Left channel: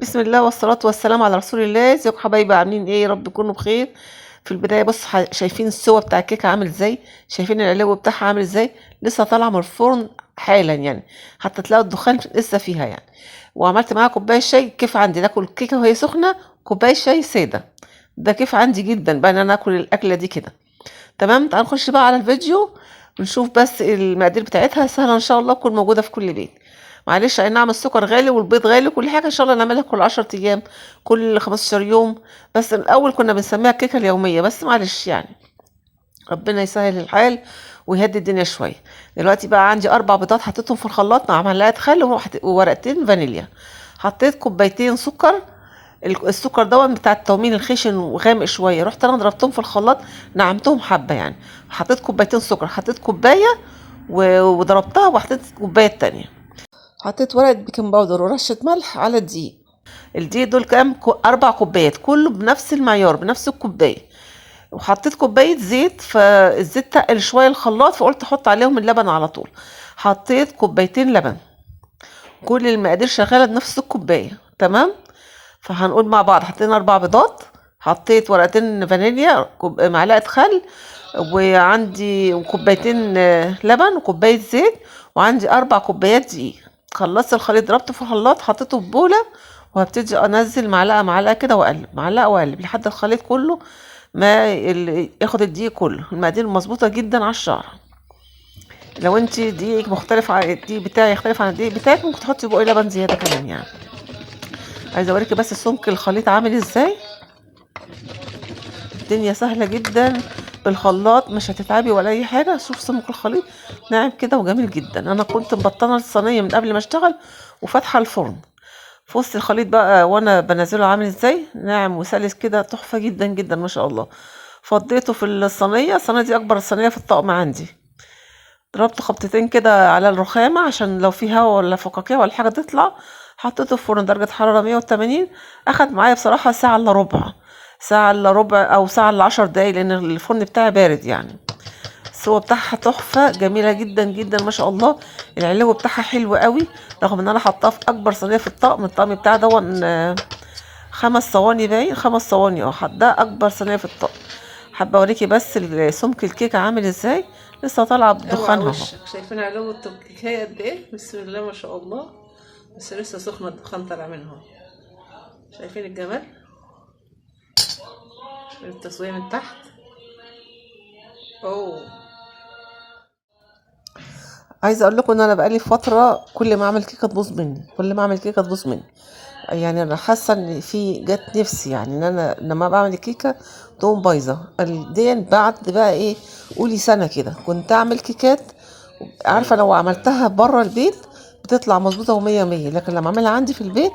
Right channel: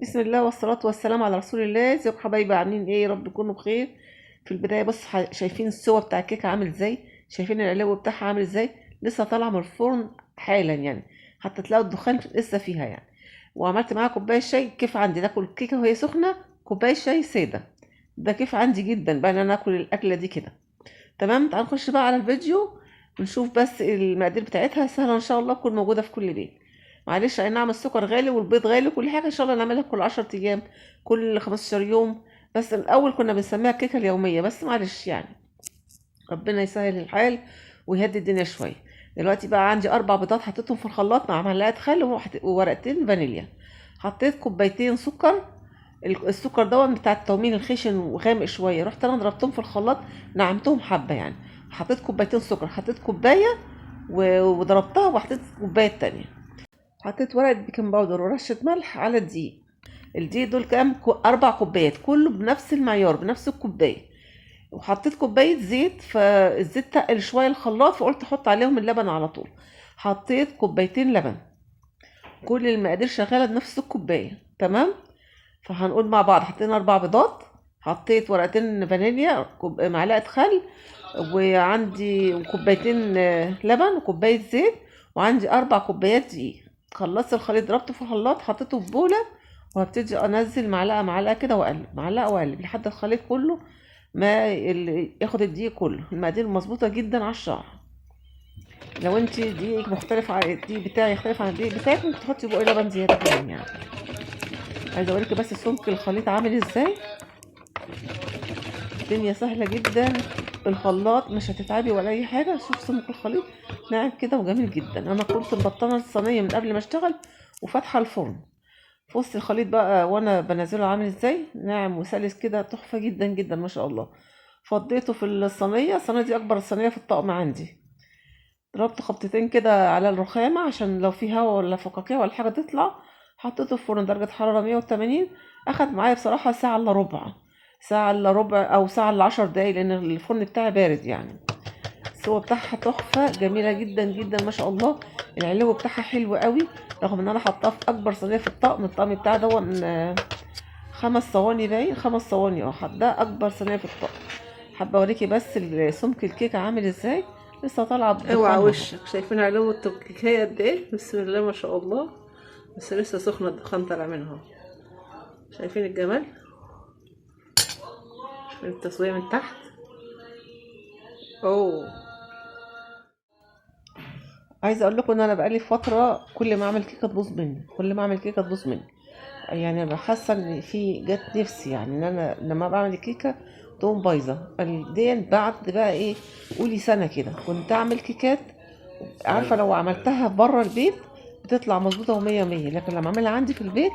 بسم الله والصلاة والسلام على رسول الله. ازيكم حبايبي؟ عاملين ايه؟ يا رب تكونوا بخير. في البداية بص، شايفين السوا بتاع الكيكة عامل ازاي؟ شايفين العلو بتاعها عامل ازاي؟ لسه طالعة من الفرن حالا يعني، حتى تلاقوا الدخان لسه فيها يعني. وعملت معاها كوباية شاي. كيف عندي ناكل الكيكة وهي سخنة؟ كوباية شاي سادة. ده كيف عندي جدا بقى ان انا اكل الاكلة دي كده. تمام، تعال نخش بقى على الفيديو ونشوف. بس المقادير بتاعتها سهلة ان شاء الله، تكون موجودة في كل بيت. معلش، اي نعم السكر غالي والبيض غالي، كل حاجة ان شاء الله نعملها كل 10 ايام، كل 15 يوم. بس الاول كنا بنسميها الكيكة اليومية، بس معلش يعني، ربنا يسهل الحال ويهدي الدنيا شوية. دلوقتي بقى عندي 4 بيضات حطيتهم في الخلاط مع معلقة خل وورقتين فانيليا. حطيت كوبايتين سكر. السكر دوت بتاع التومين الخشن وغامق شويه، رحت انا ضربتهم في الخلاط، نعمتهم حبه يعني. حطيت كوبايتين سكر، حطيت كوبايه وضربتها، وحطيت كوبايه تانية. حطيت ورقه بيكنج باودر ورشه ملح على الدقيق. الدقيق دول كام 4 كوبايات، كله بنفس المعيار بنفس الكوبايه. وحطيت كوبايه زيت، فالزيت تقل شويه الخلاط، فقلت احط عليهم اللبن على طول. حطيت كوبايتين لبن. كل المقادير شغاله بنفس الكوبايه، تمام. فهنقول مع بعض: حطينا 4 بيضات، حطيت ورقتين فانيليا، معلقة خل، وعندي كوبايتين لبن وكوباية زيت، وعندي 4 كوبايات دقيق. خلصت الخليط، ضربته في الخلاط، حطيته في بولة، وهبتدي انزل معلقة معلقة كده، واقلب معلقة واقلب لحد الخليط كله ما ياخد الدقيق كله. المقادير مظبوطة جدا على الشعر. لو انت دقيقك مختلف عن الدقيق بتاعي، يختلف عن الدقيق بتاعك، ممكن تحطي بقى لبن زيادة كمان يعني. عايزه اوريكي بس سمك الخليط عامل ازاي. الدنيا سهله جدا بالخلاط، مش هتتعبي ولا اي حاجه. شوف سمك الخليط ناعم كده وجميل جدا. انا كنت مبطنه الصينيه من قبل ما اشتغل وفاتحه الفرن. في وسط الخليط بقى وانا بنزله عامل ازاي، ناعم وسلس كده، تحفه جدا جدا ما شاء الله. فضيته في الصينيه دي اكبر صينيه في الطقم عندي. ضربت خبطتين كده على الرخامة عشان لو في هوا ولا فقاقيع ولا حاجة تطلع. حطيته في فرن درجة حرارة 180. أخد معايا بصراحة ساعة إلا ربع، ساعة إلا ربع أو ساعة إلا 10 دقايق، لأن الفرن بتاعي بارد يعني. السوا بتاعها تحفة جميلة جدا جدا ما شاء الله. العلو بتاعها حلو قوي، رغم ان انا حطاها في اكبر صينية في الطقم بتاعي دون 5 صواني، باين 5 صواني. ده اكبر صينية في الطقم. حابة اوريكي بس سمك الكيكة عامل ازاي، لسه طالعة اوعى بدخانها اهو. وشك، شايفين علو الكيكايه قد ايه؟ بسم الله ما شاء الله. بس لسه سخنه، الدخان طالع منها. شايفين الجمال؟ شايفين التسويه من تحت؟ اوه. عايزه اقول لكم ان انا بقالي فتره كل ما اعمل كيكه تبوظ مني، كل ما اعمل كيكه تبوظ مني. يعني انا حاسه ان في جت نفسي، يعني ان انا لما بعمل الكيكه تقوم بايظه. دي بعد بقى ايه، قولي سنه كده كنت اعمل كيكات، عارفه لو عملتها بره البيت بتطلع مظبوطه ومية مية، لكن لما اعملها عندي في البيت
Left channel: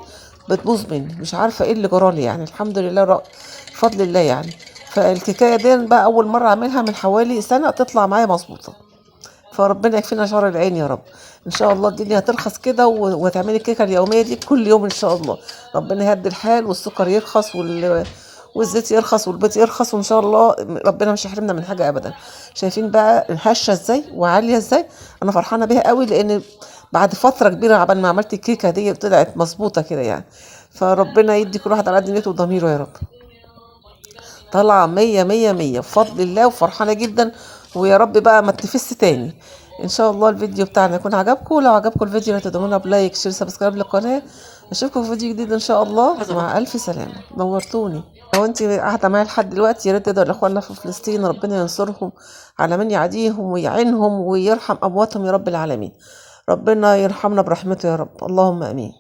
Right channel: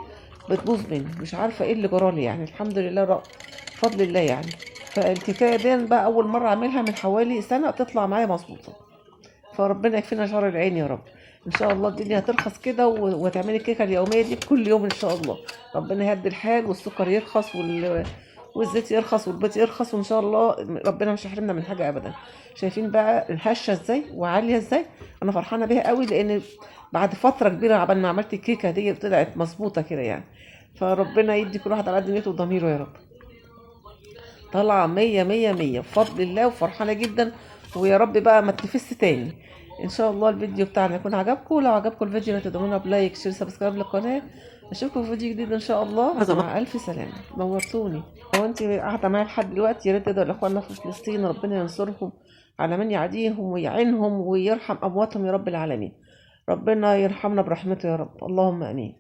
بتبوظ مني. مش عارفه ايه اللي جرالي يعني. الحمد لله بفضل الله يعني. فالكيكايه دي بقى اول مره اعملها من حوالي سنه تطلع معايا مظبوطه. فربنا يكفينا شر العين يا رب. ان شاء الله الدنيا هترخص كده وتعملي الكيكه اليوميه دي كل يوم ان شاء الله. ربنا يهدي الحال والسكر يرخص والزيت يرخص والبيض يرخص، وان شاء الله ربنا مش هيحرمنا من حاجه ابدا. شايفين بقى هشه ازاي وعاليه ازاي؟ انا فرحانه بيها قوي، لان بعد فتره كبيره عبال ما عملت الكيكه دي طلعت مظبوطه كده يعني. فربنا يدي كل واحد على قد نيته وضميره يا رب. طالعة مية مية مية بفضل الله، وفرحانة جدا. ويا رب بقى ما تنفس تاني. ان شاء الله الفيديو بتاعنا يكون عجبكم. لو عجبكم الفيديو لا تدعمونا بلايك شير سبسكرايب للقناة. اشوفكم في فيديو جديد ان شاء الله، مع الف سلامة. نورتوني. لو انت قاعدة معايا لحد دلوقتي، يا ريت تدعوا لاخواننا في فلسطين، ربنا ينصرهم على من يعاديهم ويعينهم ويرحم امواتهم يا رب العالمين. ربنا يرحمنا برحمته يا رب، اللهم امين.